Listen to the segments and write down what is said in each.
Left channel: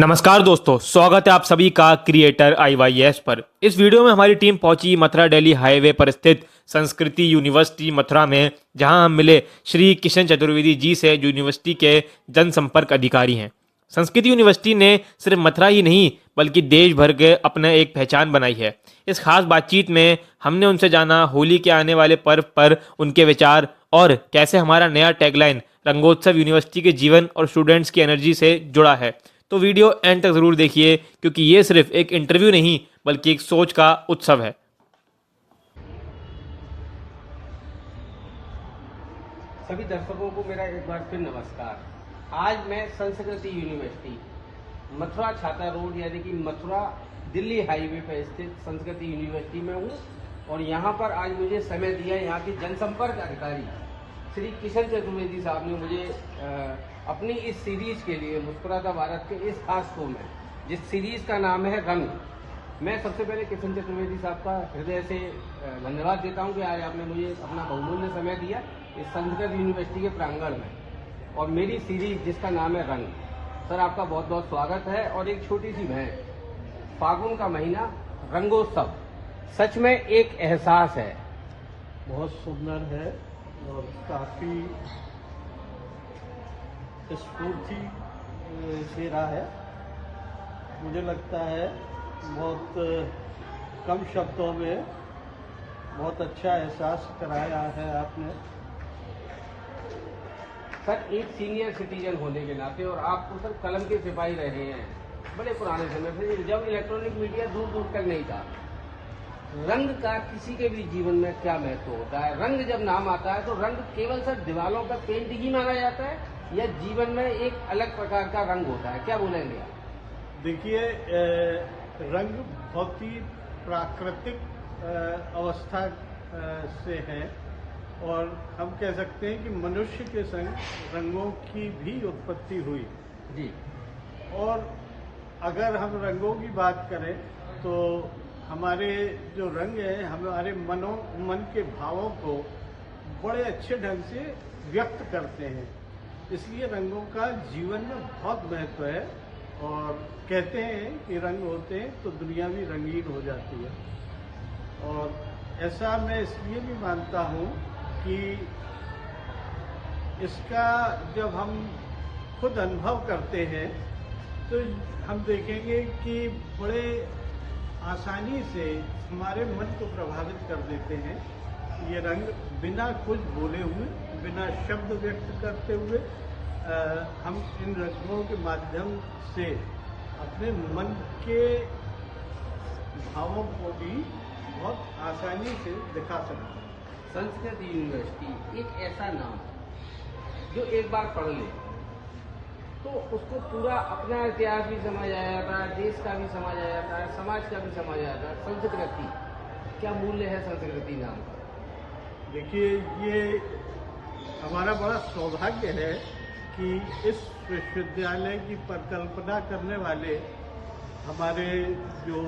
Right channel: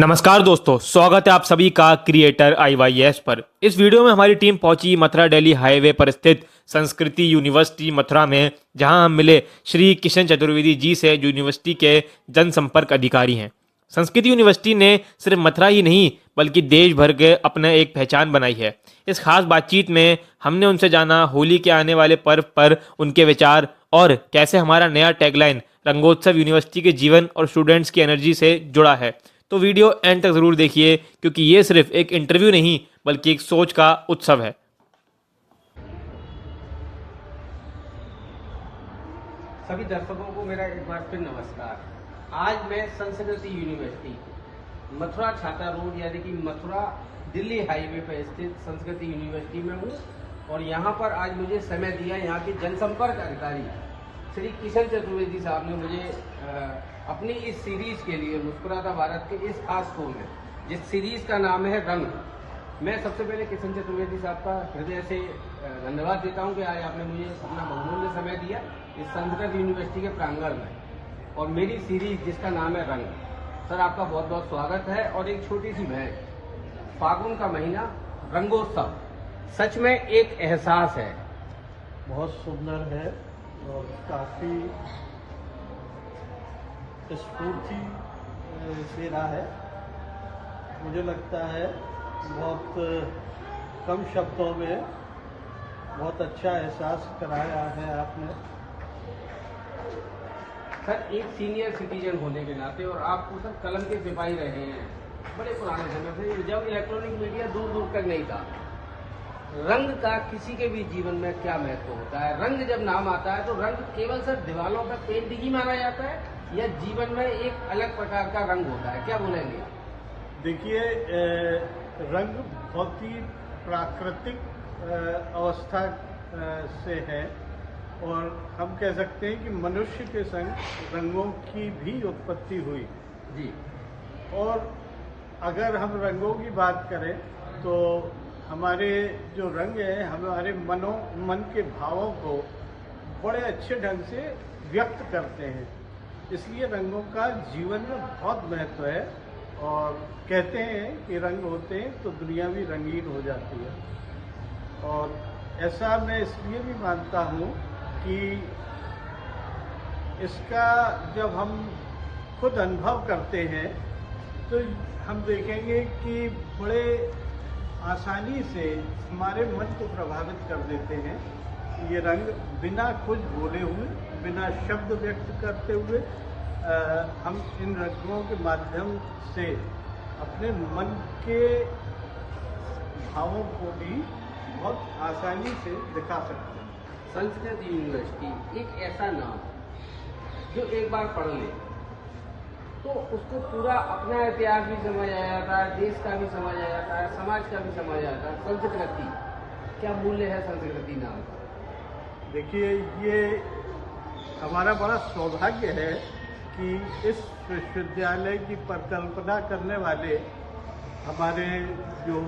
नमस्कार दोस्तों, स्वागत है आप सभी का क्रिएटर IYS पर। इस वीडियो में हमारी टीम पहुंची मथुरा दिल्ली हाईवे पर स्थित संस्कृति यूनिवर्सिटी मथुरा में, जहां हम मिले श्री किशन चतुर्वेदी जी से, जो यूनिवर्सिटी के जनसंपर्क अधिकारी हैं। संस्कृति यूनिवर्सिटी ने सिर्फ मथुरा ही नहीं बल्कि देश भर के अपने एक पहचान बनाई है। इस खास बातचीत में हमने उनसे जाना होली के आने वाले पर्व पर उनके विचार और कैसे हमारा नया टैगलाइन रंगोत्सव यूनिवर्सिटी के जीवन और स्टूडेंट्स की एनर्जी से जुड़ा है। तो वीडियो एंड तक ज़रूर देखिए, क्योंकि ये सिर्फ एक इंटरव्यू नहीं बल्कि एक सोच का उत्सव है। सभी दर्शकों को मेरा एक बार फिर नमस्कार। आज मैं संस्कृति यूनिवर्सिटी मथुरा छाता रोड यानी कि मथुरा दिल्ली हाईवे पर स्थित संस्कृति यूनिवर्सिटी में हूँ, और यहाँ पर आज मुझे समय दिया यहाँ के जनसंपर्क अधिकारी श्री किशन चतुर्वेदी साहब ने मुझे अपनी इस सीरीज के लिए मुस्कुराता भारत के इस खास शो में, जिस सीरीज का नाम है रंग, मैं सबसे पहले किशन चतुर्वेदी साहब का हृदय से धन्यवाद देता हूं कि आज आपने मुझे अपना बहुमूल्य समय दिया इस संस्कृत यूनिवर्सिटी के प्रांगण में, और मेरी सीरीज जिसका नाम है रंग। सर, आपका बहुत बहुत स्वागत है। और एक छोटी सी भेंट, फागुन का महीना, रंगोत्सव सच में एक एहसास है। बहुत सुंदर है और काफी स्फूर्ति दे रहा है। मुझे लगता है बहुत कम शब्दों में बहुत अच्छा एहसास कराया है आपने। सर, एक सीनियर सिटीजन होने के नाते, और आप तो सर कलम के सिपाही रहे हैं बड़े पुराने समय से, जब इलेक्ट्रॉनिक मीडिया दूर दूर तक नहीं था। रंग का किसी के भी जीवन में क्या महत्व होता है? रंग जब नाम आता है तो रंग केवल सर दीवारों पर पेंट ही माना जाता है या जीवन में एक अलग प्रकार का रंग होता है? क्या बोलेंगे? देखिए, रंग बहुत ही प्राकृतिक अवस्था से है, और हम कह सकते हैं कि मनुष्य के संग रंगों की भी उत्पत्ति हुई जी। और अगर हम रंगों की बात करें तो हमारे जो रंग है हमारे मन के भावों को बड़े अच्छे ढंग से व्यक्त करते हैं। इसलिए रंगों का जीवन में बहुत महत्व है, और कहते हैं कि रंग होते हैं तो दुनिया भी रंगीन हो जाती है। और ऐसा मैं इसलिए भी मानता हूँ कि इसका जब हम खुद अनुभव करते हैं तो हम देखेंगे कि बड़े आसानी से हमारे मन को प्रभावित कर देते हैं। ये रंग बिना कुछ बोले हुए, बिना शब्द व्यक्त करते हुए, हम इन रंगों के माध्यम से अपने मन के भावों को भी बहुत आसानी से दिखा सकते हैं। संस्कृत यूनिवर्सिटी एक ऐसा नाम है जो एक बार पढ़ ले तो उसको पूरा अपना इतिहास भी समझ आ जाता है, देश का भी समझ आ जाता है, समाज का भी समझ आ जाता है। संस्कृति, क्या मूल्य है संस्कृति नाम का? देखिए, ये हमारा बड़ा सौभाग्य है कि इस विश्वविद्यालय की परिकल्पना करने वाले हमारे जो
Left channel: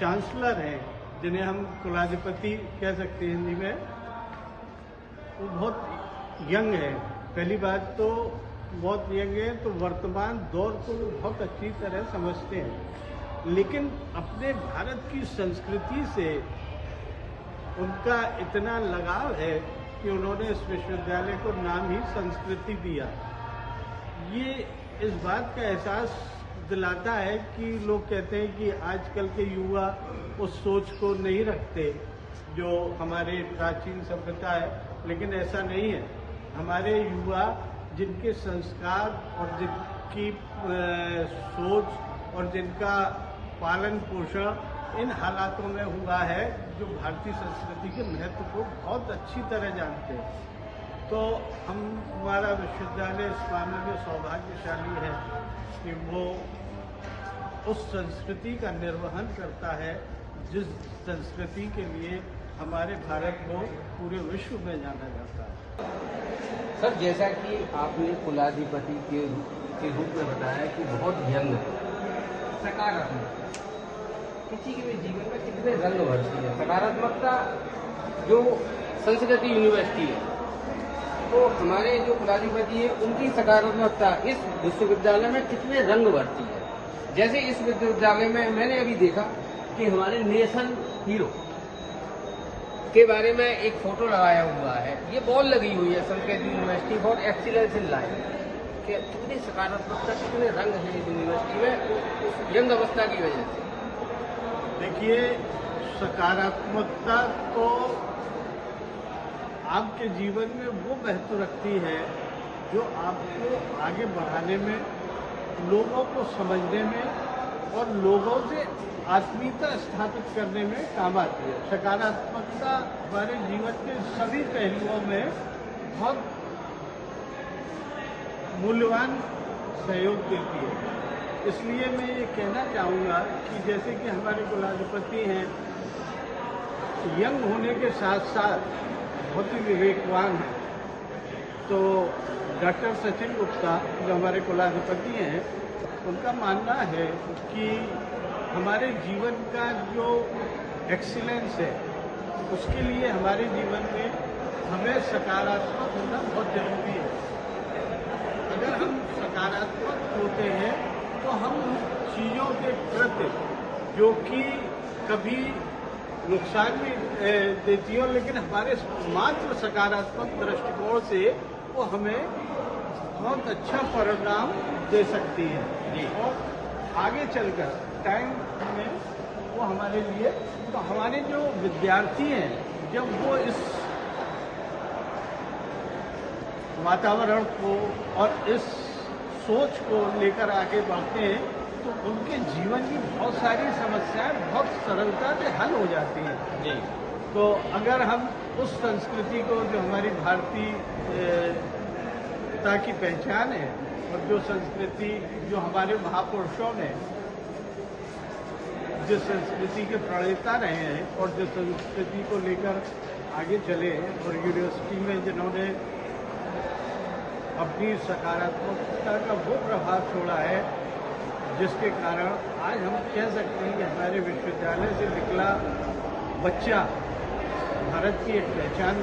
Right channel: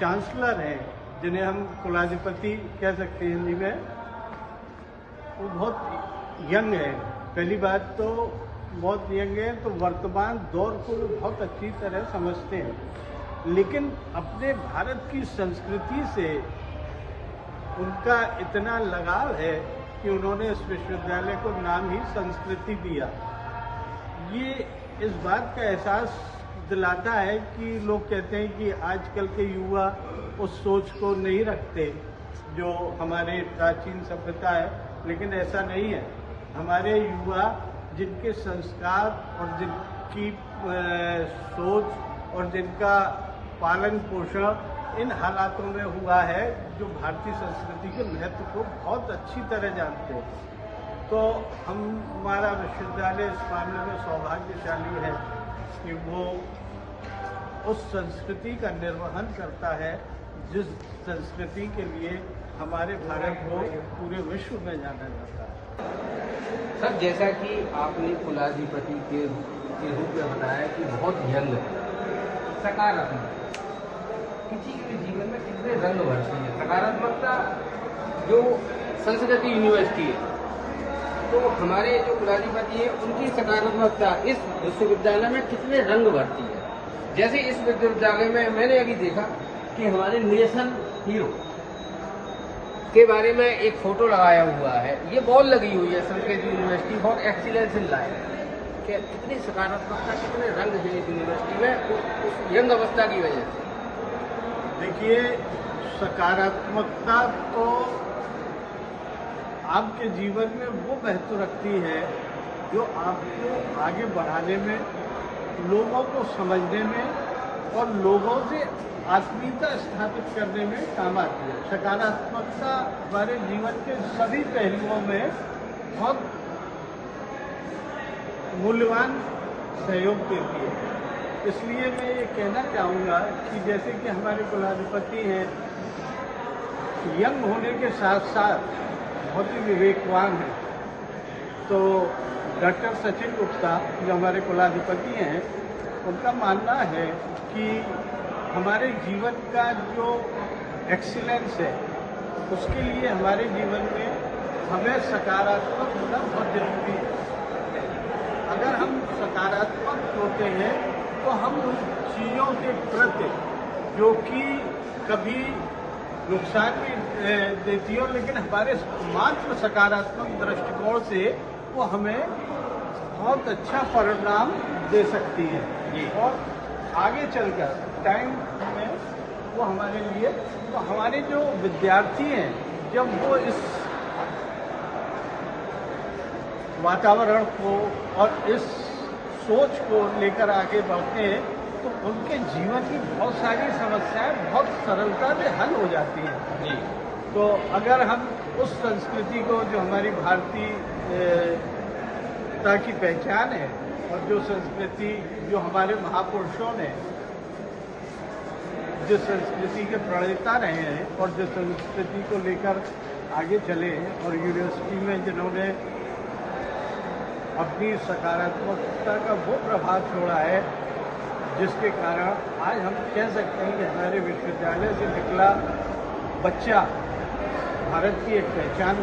चांसलर हैं, जिन्हें हम कुलाधिपति कह सकते हैं हिंदी में, वो बहुत यंग है। पहली बात तो बहुत यंग है, तो वर्तमान दौर को बहुत अच्छी तरह समझते हैं, लेकिन अपने भारत की संस्कृति से उनका इतना लगाव है कि उन्होंने इस विश्वविद्यालय को नाम ही संस्कृति दिया। ये इस बात का एहसास दिलाता है कि लोग कहते हैं कि आजकल के युवा उस सोच को नहीं रखते जो हमारे प्राचीन सभ्यता है, लेकिन ऐसा नहीं है। हमारे युवा जिनके संस्कार और जिनकी सोच और जिनका पालन पोषण इन हालातों में हुआ है, जो भारतीय संस्कृति के महत्व को बहुत अच्छी तरह जानते हैं, तो हमारा विश्वविद्यालय इस मामले में सौभाग्यशाली है कि वो उस संस्कृति का निर्वहन करता है जिस संस्कृति के लिए हमारे भारत को पूरे विश्व में जाना जाता है। सर, जैसा कि आपने कुलाधिपति के रूप में बताया कि बहुत यंग है, सकारात्मक, किसी के भी जीवन में कितने रंग भरते हैं। सकारात्मकता जो संस्कृति यूनिवर्सिटी है तो हमारे जो कुलाधिपति है उनकी सकारात्मकता इस विश्वविद्यालय में कितने रंग भरती है। जैसे इस विश्वविद्यालय में मैंने अभी देखा कि हमारे नेशन हीरो के बारे में एक फोटो लगाया हुआ है, ये बॉल लगी हुई है Sanskrit university for excellence in life. कितनी सकारात्मकता, कितने रंग हैं इस यूनिवर्सिटी में उस यंग अवस्था की वजह से। देखिए, सकारात्मकता तो आपके जीवन में वो महत्व रखती है जो आपको आगे बढ़ाने में, लोगों को समझने में और लोगों से आत्मीयता स्थापित करने में काम आती है। सकारात्मकता हमारे जीवन के सभी पहलुओं में बहुत मूल्यवान सहयोग देती है। इसलिए मैं ये कहना चाहूँगा कि जैसे कि हमारे कुलाधिपति हैं, यंग होने के साथ साथ बहुत ही विवेकवान हैं। तो डॉक्टर सचिन गुप्ता जो हमारे कुलाधिपति हैं, उनका मानना है कि हमारे जीवन का जो एक्सीलेंस है उसके लिए हमारे जीवन में हमें सकारात्मक होना बहुत जरूरी है। अगर हम सकारात्मक होते हैं तो हम उन चीज़ों के प्रति जो कि कभी नुकसान भी देती हो, लेकिन हमारे मात्र सकारात्मक दृष्टिकोण से वो हमें बहुत अच्छा परिणाम दे सकती है और आगे चलकर टाइम में वो हमारे लिए, तो हमारे जो विद्यार्थी हैं जब वो इस वातावरण को और इस सोच को लेकर आगे बढ़ते हैं तो उनके जीवन की बहुत सारी समस्याएं बहुत सरलता से हल हो जाती हैं। तो अगर हम उस संस्कृति को, जो हमारी भारतीयता की पहचान है और जो संस्कृति, जो हमारे महापुरुषों ने जिस संस्कृति के प्रणेता रहे हैं और जो संस्कृति को लेकर आगे चले हैं और यूनिवर्सिटी में जिन्होंने अपनी सकारात्मकता का वो प्रभाव छोड़ा है, जिसके कारण आज हम कह सकते हैं कि हमारे विश्वविद्यालय से निकला बच्चा भारत की एक पहचान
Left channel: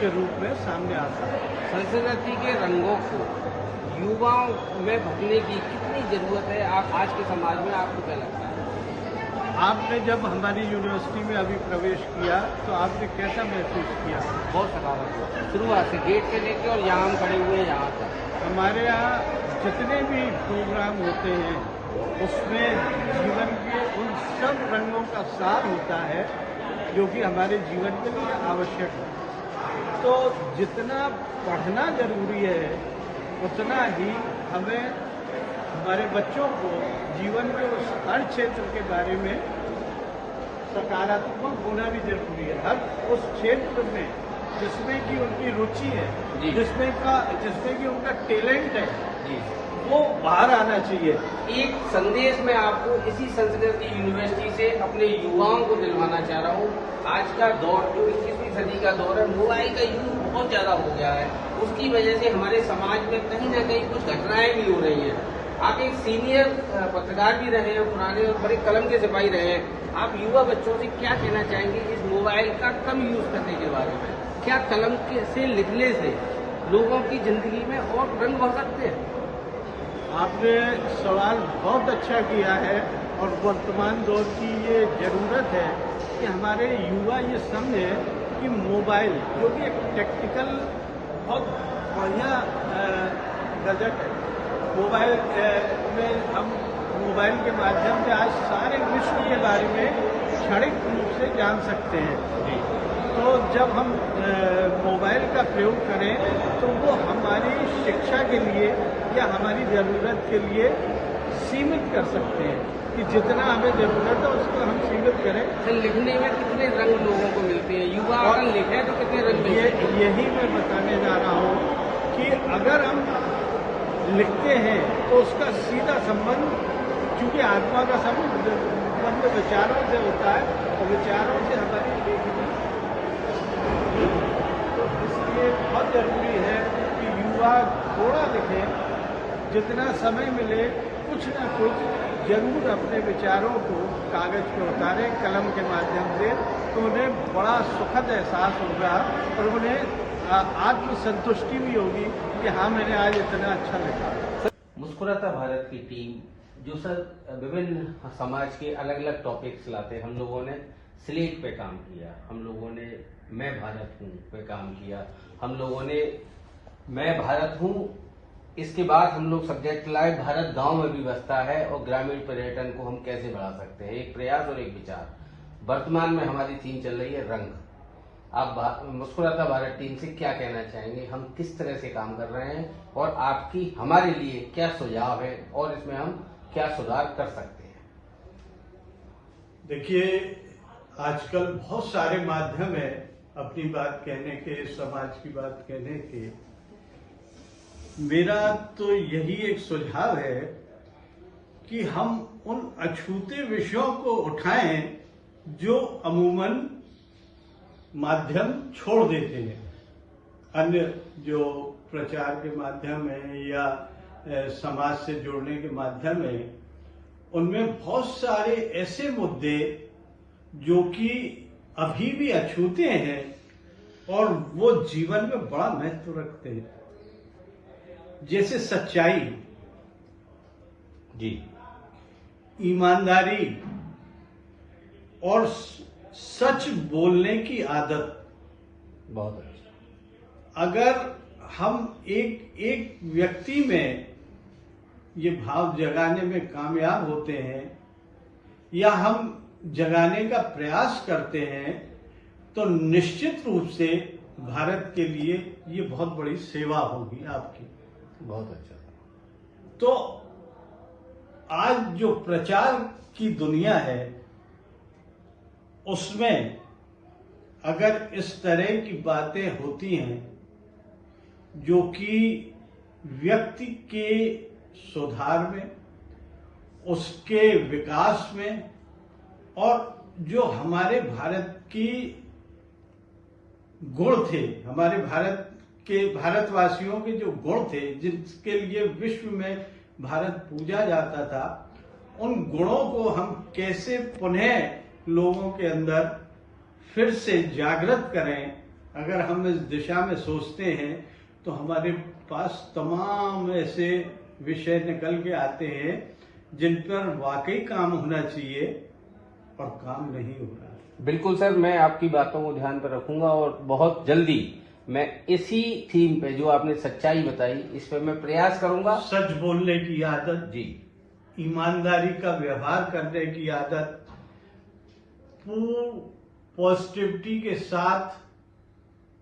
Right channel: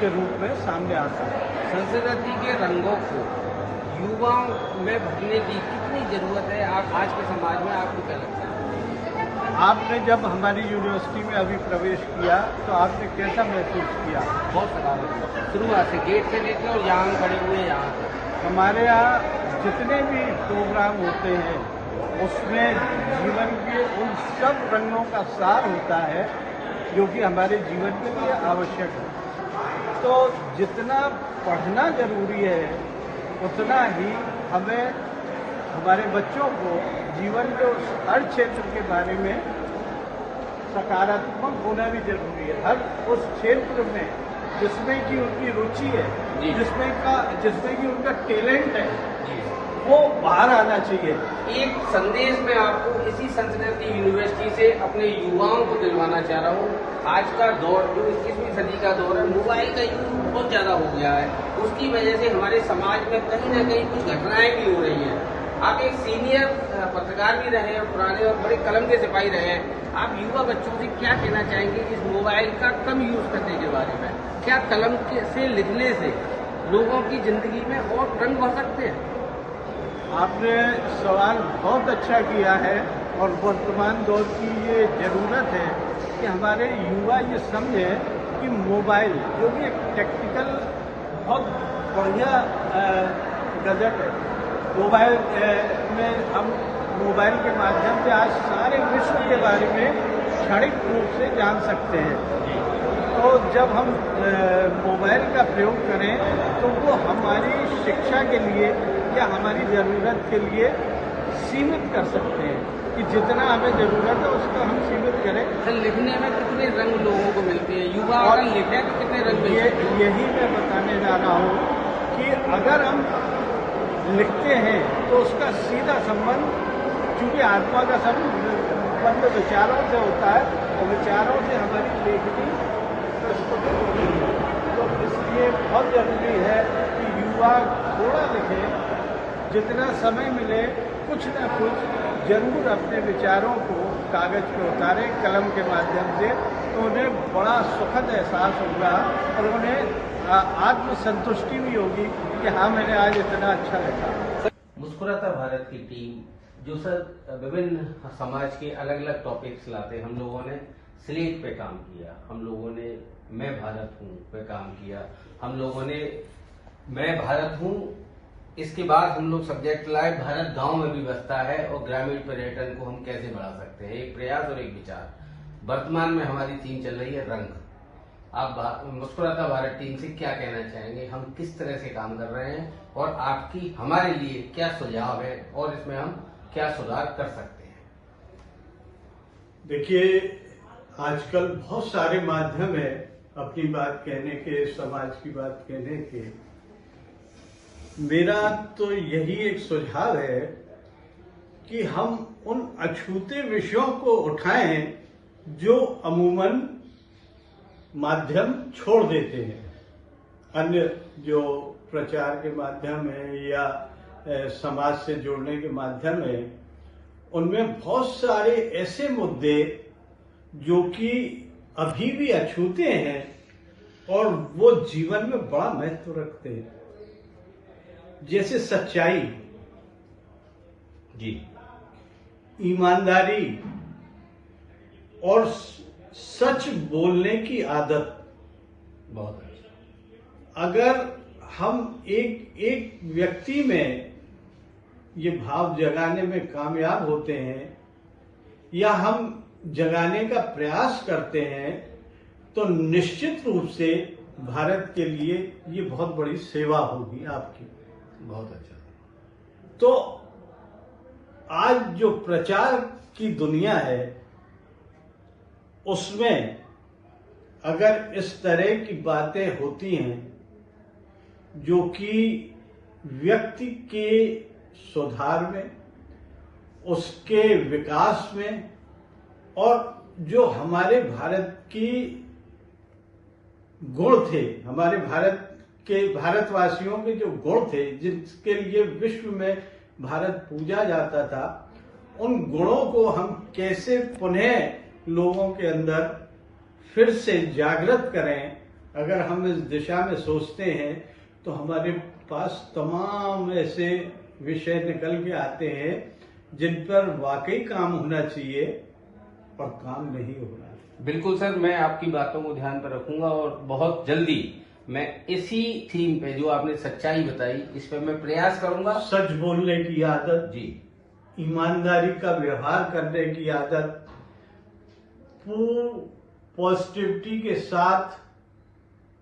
के रूप में सामने आता है। संस्कृति के रंगों को युवाओं में भरने की कितनी जरूरत है आज के समाज में, आपको क्या लगता है? आपने जब हमारी यूनिवर्सिटी में अभी प्रवेश किया तो आपने कैसा महसूस किया? बहुत सकारात्मक, शुरुआत से गेट से लेकर और यहाँ हम खड़े हुए यहाँ तक। हमारे यहाँ जितने भी प्रोग्राम होते हैं उसमें जीवन के उन सब रंगों का सार होता है जो कि हमारे जीवन के लिए आवश्यक है। तो जितना पढ़ना जरूरी है उतना ही हमें हमारे बच्चों को जीवन के हर क्षेत्र के बारे में सकारात्मक होना भी जरूरी है। हर उस क्षेत्र में जिसमें कि उनकी रुचि है, जिसमें कि उनका टैलेंट है, वो बाहर आना चाहिए। एक संदेश मैं आपको इसी संस्कृति यूनिवर्सिटी से अपने युवाओं को दिलवाना चाह रहा हूँ। आज का दौर जो 21वीं सदी का दौर है, मोबाइल का यूज बहुत ज्यादा हो गया है। उसकी वजह से हमारे समाज में कहीं न कहीं कुछ घटनाएं भी हो रही हैं। आप एक सीनियर पत्रकार भी रहे हैं, पुराने और बड़े कलम के सिपाही रहे हैं। आप युवा बच्चों से क्या कहना चाहेंगे इस मोबाइल का कम यूज करने के बारे में? क्या कलम से लिखने से लोगों की जिंदगी में और रंग भर सकते हैं? आपने सवाल बहुत अच्छा किया है और वर्तमान दौर की ये जरूरत है कि हमारे युवा ये समझे कि मोबाइल जो कि एक टेक्निकल बहुत बढ़िया गैजेट है। मोबाइल में हम मोबाइल के माध्यम से आज सारे विश्व के बारे में क्षणिक रूप से जान सकते हैं। तो जब हम मोबाइल का प्रयोग करें तो वो हमारी शिक्षा के लिए या हमारी ज़रूरत के लिए सीमित कर सकते हैं कि जितना हमें ज़रूरत है उसको हम सीमित करें। सर, लिखने में कितने रंग लोगों को मिलते हैं? युवा अगर लिखे तो कितने रंग? यही मैं बताने जा रहा हूँ कि अगर हम लिखते हैं तो उसका सीधा संबंध, क्योंकि आत्मा का संबंध विचारों से होता है और विचारों से हमारी लेखनी, इसलिए बहुत जरूरी है कि युवा थोड़ा लिखें, जितना समय मिले कुछ न कुछ जरूर अपने विचारों को कागज पे उतारें कलम के माध्यम से, तो उन्हें बड़ा सुखद एहसास होगा और उन्हें आत्मसंतुष्टि भी होगी कि हाँ मैंने आज इतना अच्छा लिखा। मुस्कुराता भारत की टीम जो सर विभिन्न समाज के अलग अलग टॉपिक्स लाते, हम लोगों ने स्लेट पे काम किया, हम लोगों ने मैं भारत हूँ पे काम किया, हम लोगों ने मैं भारत हूँ, इसके बाद हम लोग सब्जेक्ट लाए भारत गांव में भी बसता है और ग्रामीण पर्यटन को हम कैसे बढ़ा सकते हैं, एक प्रयास और एक विचार। वर्तमान में हमारी थीम चल रही है रंग। आप मुस्कुराता भारत टीम से क्या कहना चाहेंगे, हम किस तरह से काम कर रहे हैं और आपकी हमारे लिए क्या सुझाव है और इसमें हम क्या सुधार कर सकते हैं? देखिए, आजकल बहुत सारे माध्यम है अपनी बात कहने के, समाज की बात कहने के। मेरा तो यही एक सुझाव है कि हम उन अछूते विषयों को उठाएं जो अमूमन माध्यम छोड़ देते हैं। अन्य जो प्रचार के माध्यम है या समाज से जुड़ने के माध्यम है, उनमें बहुत सारे ऐसे मुद्दे जो कि अभी भी अछूते हैं और वो जीवन में बड़ा महत्व रखते हैं, जैसे सच्चाई जी, ईमानदारी और सच बोलने की आदत। बहुत अच्छा। अगर हम एक व्यक्ति में ये भाव जगाने में कामयाब होते हैं या हम जगाने का प्रयास करते हैं तो निश्चित रूप से भारत के लिए ये बहुत बड़ी सेवा होगी आपकी। बहुत अच्छा। तो आज जो प्रचार की दुनिया है उसमें अगर इस तरह की बातें होती हैं जो कि व्यक्ति के सुधार में, उसके विकास में और जो हमारे भारत की गुण थे, हमारे भारतवासियों के जो गुण थे जिसके लिए विश्व में भारत पूजा जाता था, उन गुणों को हम कैसे पुनः लोगों के अंदर फिर से जागृत करें, अगर हम इस दिशा में सोचते हैं तो हमारे पास तमाम ऐसे विषय निकल के आते हैं जिन पर वाकई काम होना चाहिए और काम नहीं हो रहा है। बिल्कुल सर, मैं आपकी बातों को ध्यान पर रखूंगा और बहुत जल्दी मैं इसी थीम पे जो आपने सच्चाई बताई इस पर मैं प्रयास करूंगा। सच बोलने की आदत जी, ईमानदारी का व्यवहार करने की आदत, पूर्ण पॉजिटिविटी के साथ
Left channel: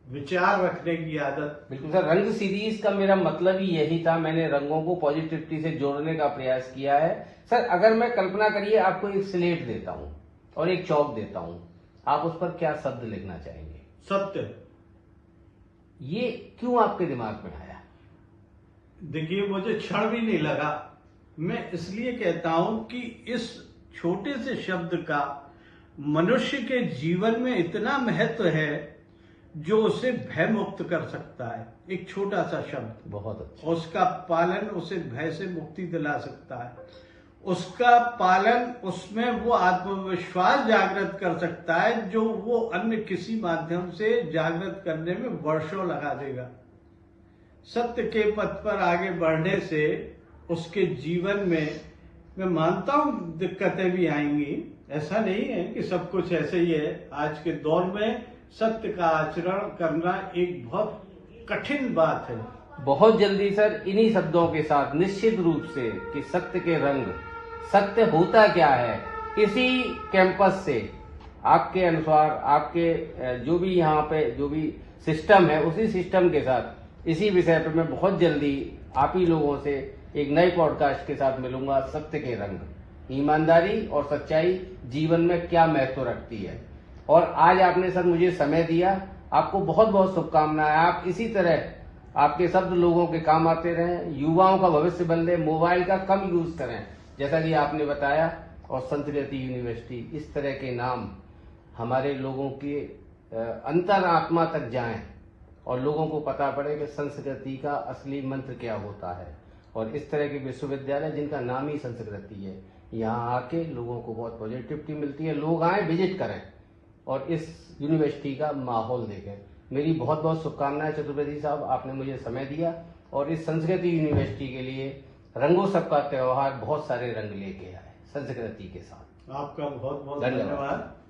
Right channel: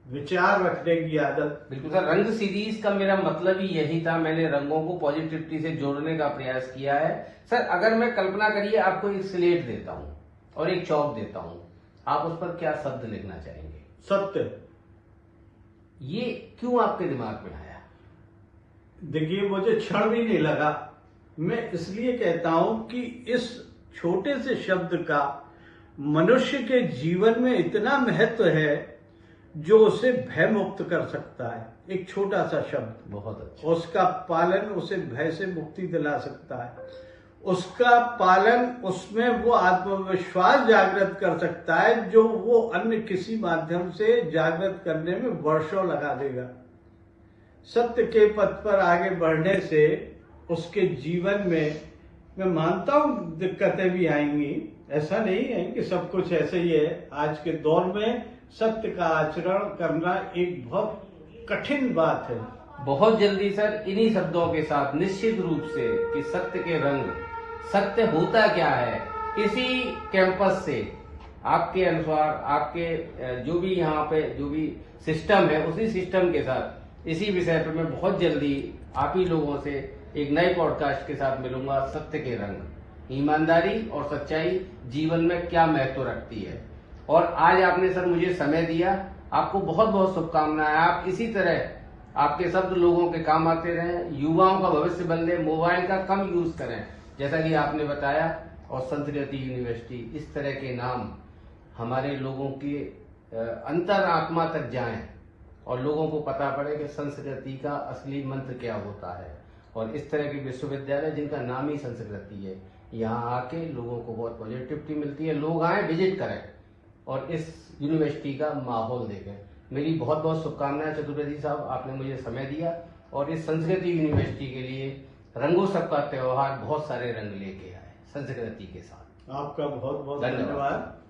विचार रखने की आदत। बिल्कुल सर, रंग सीरीज का मेरा मतलब ही यही था, मैंने रंगों को पॉजिटिविटी से जोड़ने का प्रयास किया है। सर, अगर मैं कल्पना करिए आपको एक स्लेट देता हूं और एक चौक देता हूं, आप उस पर क्या शब्द लिखना चाहेंगे? सत्य। ये क्यों आपके दिमाग में आया? देखिए, मुझे क्षण भी नहीं लगा। मैं इसलिए कहता हूं कि इस छोटे से शब्द का मनुष्य के जीवन में इतना महत्व है जो उसे भय मुक्त कर सकता है। एक छोटा सा शब्द, बहुत अच्छा। उसका पालन उसे भय से मुक्ति दिला सकता है। उसका पालन उसमें वो आत्मविश्वास जागृत कर सकता है जो वो अन्य किसी माध्यम से जागृत करने में वर्षों लगा देगा। सत्य के पथ पर आगे बढ़ने से उसके जीवन में, मैं मानता हूं दिक्कतें भी आएंगी, ऐसा नहीं है कि सब कुछ ऐसे ही है। आज के दौर में सत्य का आचरण करना एक बहुत कठिन बात है। बहुत जल्दी सर, इन्हीं शब्दों के साथ निश्चित रूप से कि सत्य के रंग, सत्य होता क्या है, इसी कैंपस से आपके अनुसार आपके जो भी यहाँ पे जो भी सिस्टम है उसी सिस्टम के साथ इसी विषय पर मैं बहुत जल्दी आप ही लोगों से एक नए पॉडकास्ट के साथ मिलूंगा। सत्य के रंग, ईमानदारी और सच्चाई जीवन में क्या महत्व रखती है। और आज आपने सर मुझे समय दिया, आपको बहुत बहुत शुभकामनाएं। आप इसी तरह आपके शब्द लोगों के काम आते रहें, युवाओं का भविष्य बदले, मोबाइल का कम यूज करें जैसा कि आपने बताया, और संस्कृति यूनिवर्सिटी इस तरह के नाम हमारे लोगों के अंतरात्मा तक जाएं और लोगों को पता पड़े कि संस्कृति का असली मंत्र क्या होता है। और इस तरह के विश्वविद्यालय जिनका नाम ही संस्कृति है, यहाँ आके लोगों को बहुत पॉजिटिविटी मिलती है। लोग आए, विजिट करें और इस यूनिवर्सिटी का माहौल देखें। मेरी बहुत बहुत शुभकामनाएं चतुर्वेदी साहब, आपने मुझे समय दिया और इस संस्कृति यूनिवर्सिटी के लिए रंगोत्सव का त्योहार बहुत सारे रंग लेके आए संस्कृति के साथ। आपका बहुत बहुत धन्यवाद। धन्यवाद।